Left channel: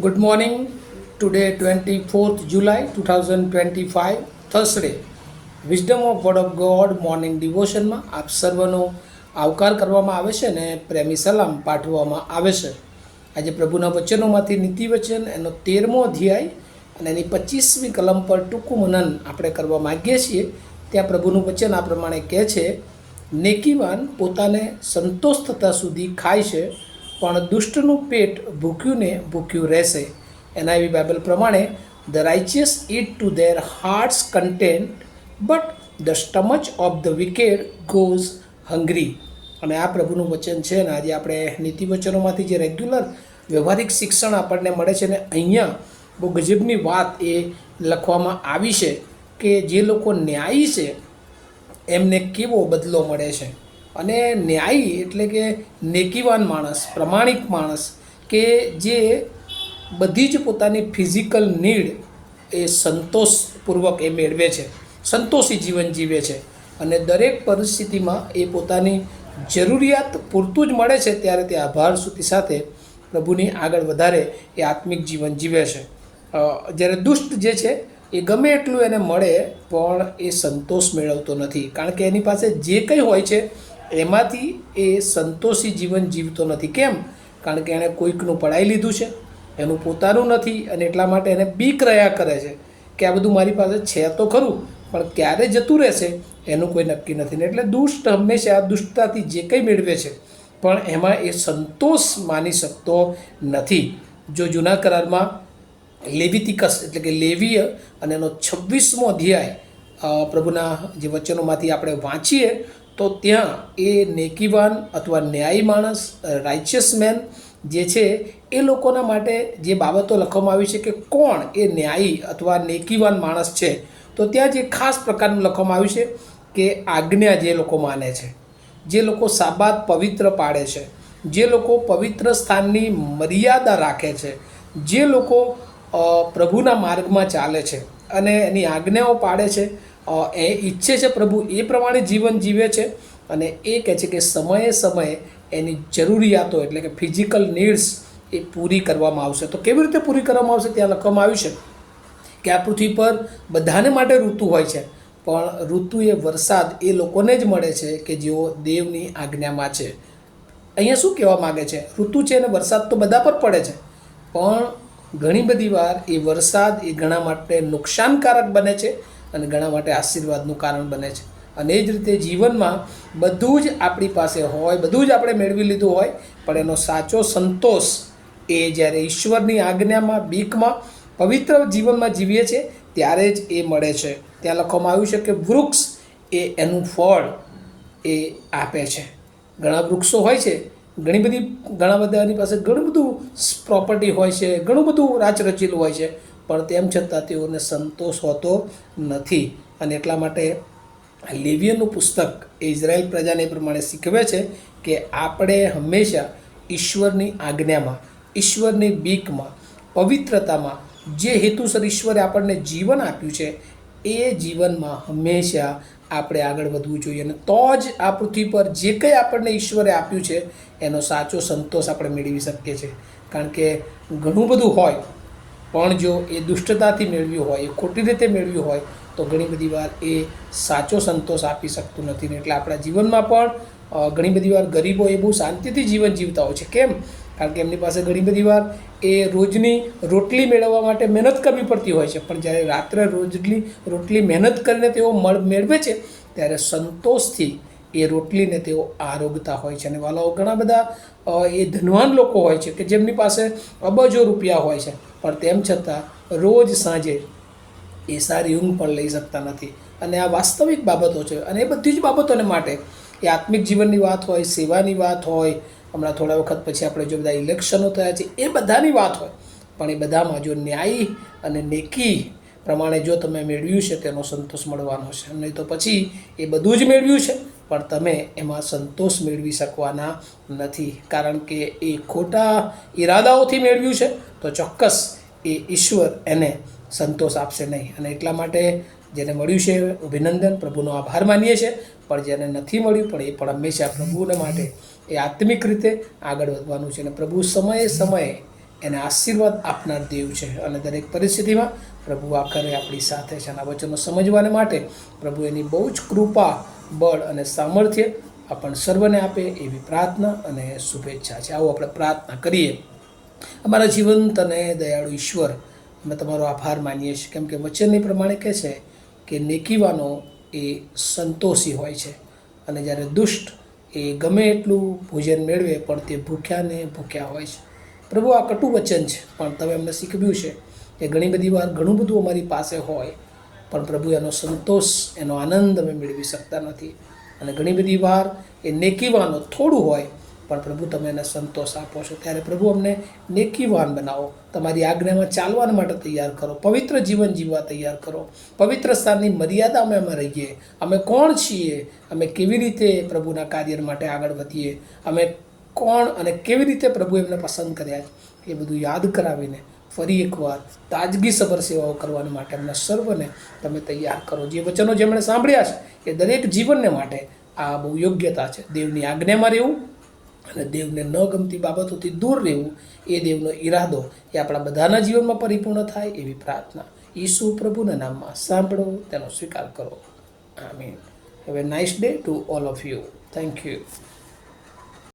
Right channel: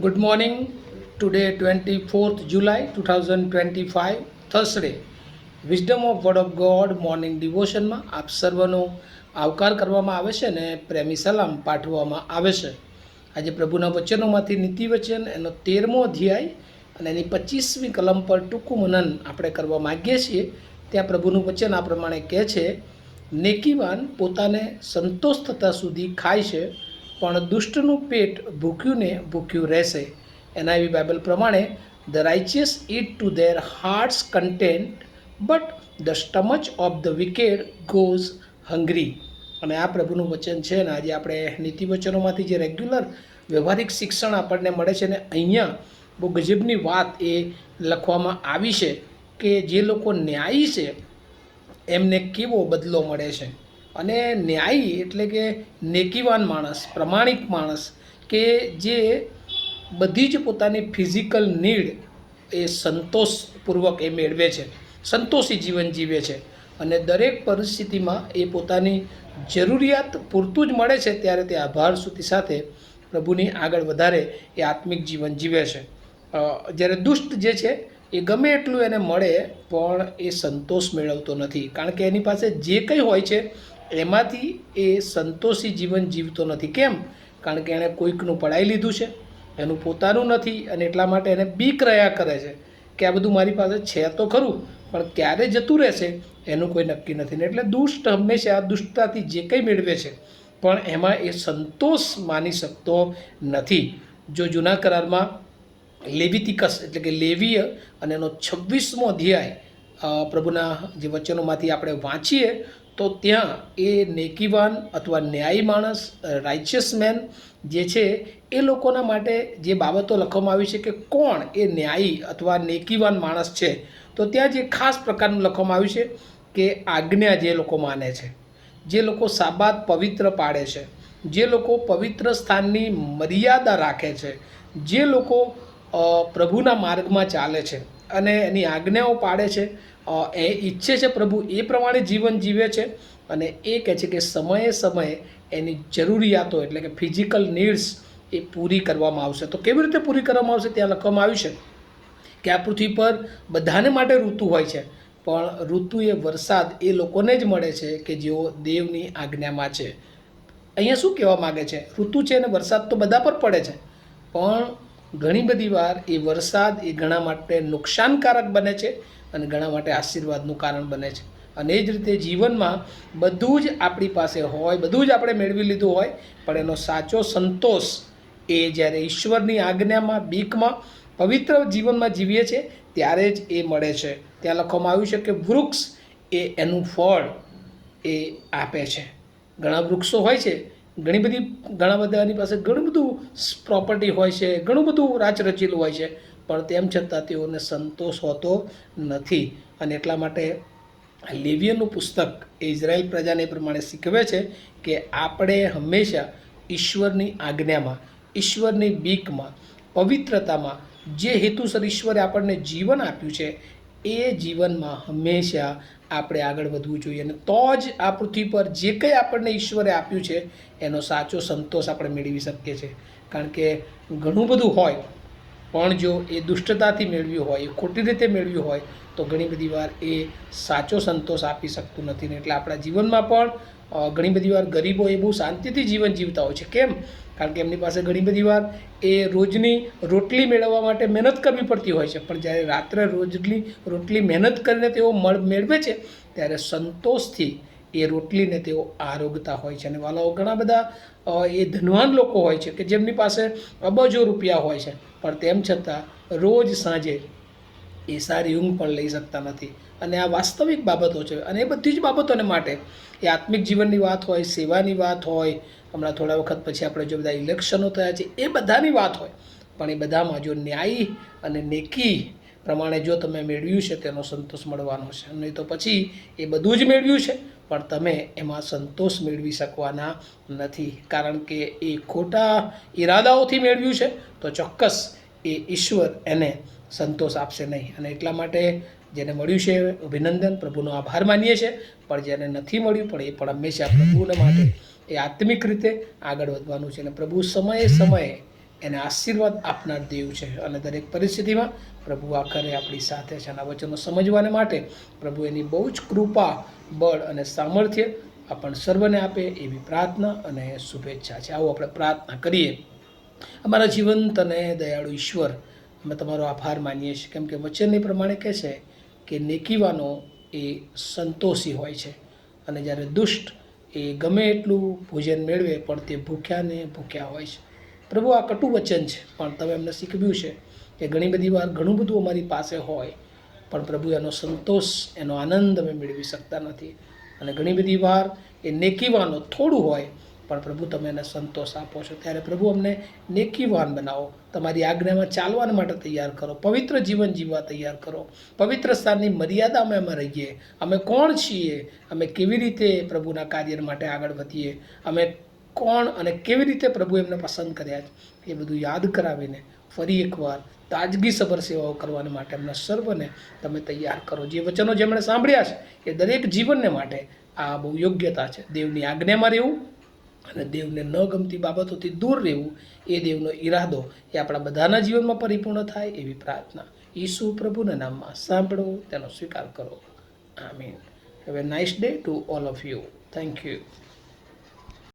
Good morning. Today, 24th July 2025, Thursday. Wisdom of word of God morning ડિવોશનમાં આપ સર્વનો આવકાર કરવામાં આવે છે અને પ્રેમી સલામ પાઠવવામાં આવે છે. આજે પ્રભુના વચનોમાંથી નીતિ વચન એનો 13મો અધ્યાય અને એની 25મી કલમ પર ટૂંકું મનન આપણે કરવા માગીએ છીએ. ત્યાં પ્રભુનું વચન આ પ્રમાણે કહે છે, નેકીવાન પોતાને સંતોષ થતાં સુધી ખાય છે, પણ દુષ્ટનું પેટ ભૂખ્યું ને ભૂખ્યું રહેશે. એના એવી બાઇબલ પ્રમાણે the righteous eat to their hearts content but the stomach of the wicked goes hungry. અને આ પ્રભુનું વચન છે ને આજે આપણે નીતિ વચનોમાંથી જે રેગ્યુલર વ્યવહારિક શિક્ષણ આપણને મળે છે ને અહીંયા બહુ ગજબની વાત એ લખવામાં આવી છે કે જે લોકો ન્યાયી છે એમને કેવો બદલો મળે છે. અને ન્યાયી એટલે કે નેકીવાન માણસ, પ્રમાણિક માણસ કે જે બધી જ પોતાની ફિઝિકલ નીડ એ સંતોષપૂર્વક એ મેળવે છે, સંતોષી જીવન જીવે છે અને દરેક પરિસ્થિતિમાં એ પોતાની જરૂરિયાત પૂરતું જ મળે છે ત્યારે તે આભાર સ્તુતિ સાથે પ્રભુની આગળ વધારે એ આત્મિક જીવન જીવે છે. જ્યારે દુષ્ટ જે છે એ ગમે એટલું એને મળે પણ એ સંતોષ મેળવતો નથી, કારણ કે એની પાસે જે કંઈ હોય છે એમાંથી એ સંતોષી જીવન જીવતો નથી. કેમ? કારણ કે એણે કોઈકનું પડાવી લીધું છે, એનું પોતાનું નથી અને એટલા માટે એને બીક રહ્યા કરે છે કે આ બધું મારી પાસે છે તો ખરું પણ ક્યારે જતું રહેશે એનું કોઈ નક્કી નથી. ને એટલે દુષ્ટ હંમેશા દુષ્ટતાથી જે કંઈ મેળવે છે પણ એમાં એ સંતોષ માની શકતો નથી. જો જૂના કરારમાં લેવિતિકસ એટલે કે લેવીય અને એનો 26મો અધ્યાય પ્રભુના જે વચનોમાંથી આપણે વાંચીએ તો ત્યાં એ નેકીવાન અથવા ન્યાયી માણસ, રાઇચિયસ મેન જે છે એ લોકોના માટે જે બાબતો લખવામાં આવી છે કે કોણ એ ન્યાયી અથવા નેકીવાન માણસ છે, તો ત્યાં જે ખાસ પ્રકારનું લખવામાં આવ્યું છે કે આજ્ઞા જે લોકો માને છે, જે લોકો સાબાત પવિત્ર પાડે છે, જે લોકો પવિત્ર સ્થાનની મર્યાદા રાખે છે, જે લોકો પ્રભુના માર્ગમાં ચાલે છે અને એની આજ્ઞાઓ પાડે છે, એ ઈચ્છે છે પ્રભુ એ પ્રમાણે જીવન જીવે છે અને એ કહે છે કે સમયે સમયે એની જરૂરિયાતો એટલે કે ફિઝિકલ નીડ્સ એ પૂરી કરવામાં આવશે. તો કેવી રીતે પૂરી કરવામાં આવશે ત્યાં લખવામાં આવ્યું છે કે આ પૃથ્વી પર બધાને માટે ઋતુ હોય છે પણ ઋતુ એ વરસાદ એ લોકોને જ મળે છે કે જેઓ દેવની આજ્ઞામાં છે. અહીંયા શું કહેવા માગે છે? ઋતુ છે અને વરસાદ તો બધા પર પડે છે પણ ઘણી બધી વાર એ વરસાદ એ ઘણા માટે નુકસાનકારક બને છે અને ઘણા માટે આશીર્વાદનું કારણ બને છે. અને એ જ રીતે જીવનમાં બધું જ આપણી પાસે હોય, બધું જ આપણે મેળવી લીધું હોય પણ એનો સાચો સંતોષ એ જ્યારે ઈશ્વરની આજ્ઞામાં, બીકમાં, પવિત્ર જીવનમાં જીવીએ છીએ ત્યારે જ એ મળે છે. ત્યાં લખવામાં આવ્યું છે કે વૃક્ષ એ એનું ફળ એ આપે છે. ઘણા વૃક્ષો હોય છે, ઘણા બધાની પાસે ઘણું બધું પ્રોપર્ટી હોય છે, ઘણું બધું રાચરચીલું હોય છે પણ તેમ છતાં તેઓને સંતોષ હોતો નથી. અને એટલા માટે લેવીયનું પુસ્તક એ ઇઝરાયલ પ્રજાને પ્રમાણે શીખવે છે કે આપણે હંમેશા ઈશ્વરની આજ્ઞામાં, ઈશ્વરની બીકમાં, પવિત્રતામાં જે હેતુસર ઈશ્વરે આપણને જીવન આપ્યું છે એ જીવનમાં હંમેશા આપણે આગળ વધવું જોઈએ અને તો જ આ પૃથ્વી પર જે કંઈ આપણને ઈશ્વરે આપ્યું છે એનો સાચો સંતોષ આપણે મેળવી શકીએ છીએ. કારણ કે ઘણું બધું હોય પણ જો એ દુષ્ટતાથી મેળવ્યું હોય, એ ખોટી રીતે મેળવ્યું હોય તો ઘણી બધી વાર એ સાચો સંતોષ આપી શકતું નથી. ને એટલે આપણા જીવનમાં પણ ઘણી બધી વાર ગરીબો એ બહુ શાંતિથી જીવન જીવતા હોય છે. કેમ? કારણ કે એમની પાસે ઘણી બધી વાર એ રોજની રોટલી મેળવવા માટે મહેનત કરવી પડતી હોય છે પણ જ્યારે રાત્રે રોટલી મહેનત કરીને તેઓ મેળવે છે ત્યારે સંતોષથી એ રોટલીને તેઓ આરોગતા હોય છે. અને વાલાઓ ઘણા બધા એ ધનવાન લોકો હોય છે કે જેમની પાસે અબજો રૂપિયા હોય છે પણ તેમ છતાં રોજ સાંજે એ સારી ઊંઘ પણ લઈ શકતા નથી. અને આ વાસ્તવિક બાબતો છે અને એ બધી જ બાબતોને માટે એ આત્મિક જીવનની વાત હોય, સેવાની વાત હોય, હમણાં થોડા વખત પછી આપણે જો બધા ઇલેક્શનો થયા છે એ બધાની વાત હોય પણ એ બધામાં જો ન્યાયી અને નેકી પ્રમાણે જો તમે મેળવ્યું છે તેનો સંતોષ મળવાનો છે. નહીં તો પછી એ બધું જ મેળવ્યું છે પણ તમે એમાં સંતોષ મેળવી શકવાના નથી, કારણ કે એ ખોટા ઈરાદાઓથી મેળવ્યું છે તો ચોક્કસ એ ઈશ્વર એને સંતોષ આપશે નહીં. અને એટલા માટે જેને મળ્યું છે અભિનંદન, પ્રભુનો આભાર માનીએ છીએ, પણ જેને નથી મળ્યું પણ એ પણ હંમેશા પ્રભુને માટે એ આત્મિક રીતે આગળ વધવાનું છે. અને પ્રભુ સમયે સમયે એને આશીર્વાદ આપનાર દેવ છે અને દરેક પરિસ્થિતિમાં પ્રભુ આખરે આપણી સાથે છે. અને આ વચનો સમજવાને માટે પ્રભુ એની બહુ જ કૃપા, બળ અને સામર્થ્ય આપણને સર્વને આપે એવી પ્રાર્થના અને શુભેચ્છા છે. આવો આપણે પ્રાર્થના કરીએ. અમારા જીવંત અને દયાળુ ઈશ્વર, અમે તમારો આભાર માનીએ છીએ, કેમ કે વચનની પ્રમાણે કહે છે કે નેકીવાનો એ સંતોષી હોય છે અને જ્યારે દુષ્ટ એ ગમે એટલું ભોજન મેળવે પણ તે ભૂખ્યાને ભૂખ્યા હોય છે. પ્રભુ, આ કટુ વચન છે, પણ તમે અમને શીખવ્યું છે કે ઘણી બધી વાર ઘણું બધું અમારી પાસે હોય પણ પ્રભુ એનો સંતોષ, એનો આનંદ અમે મેળવી શકતા નથી. અને ઘણી બધી વાર એ નેકીવાનો થોડું હોય પણ પ્રભુ તમે એને સંતોષ આપો છો. ત્યારે પ્રભુ અમને નેકીવાન બનાવો, તમારી આજ્ઞામાં ચાલવા માટે તૈયાર કરો, પવિત્ર જીવન જીવવા તૈયાર કરો, પવિત્ર સ્થાનની મર્યાદામાં અમે રહીએ. અમે કોણ છીએ, અમે કેવી રીતે પ્રભુના કાર્ય માટે આગળ વધીએ, અમે કોણ અને કેવી રીતે પ્રભુ એમને પસંદ કર્યા છે, એ બધું યાદ કરાવીને ફરી એકવાર તાજગીસભર સેવાઓ કરવાની માટે અમને સર્વને તમે તૈયાર કરો. જે વચનો જેમણે સાંભળ્યા છે એ દરેક જીવનને માટે આ બહુ યોગ્યતા છે. દેવની આજ્ઞામાં રહેવું અને દેવને ન ગમતી બાબતોથી દૂર રહેવું, એ દેવનો ઈરાદો એ આપણા બધાના જીવનમાં પરિપૂર્ણ થાય એવી પ્રાર્થના ઈસુ પ્રભુના નામમાં સાંભળો, તેનો સ્વીકાર કરો. Amen. Have a nice day to all of you. Thank you.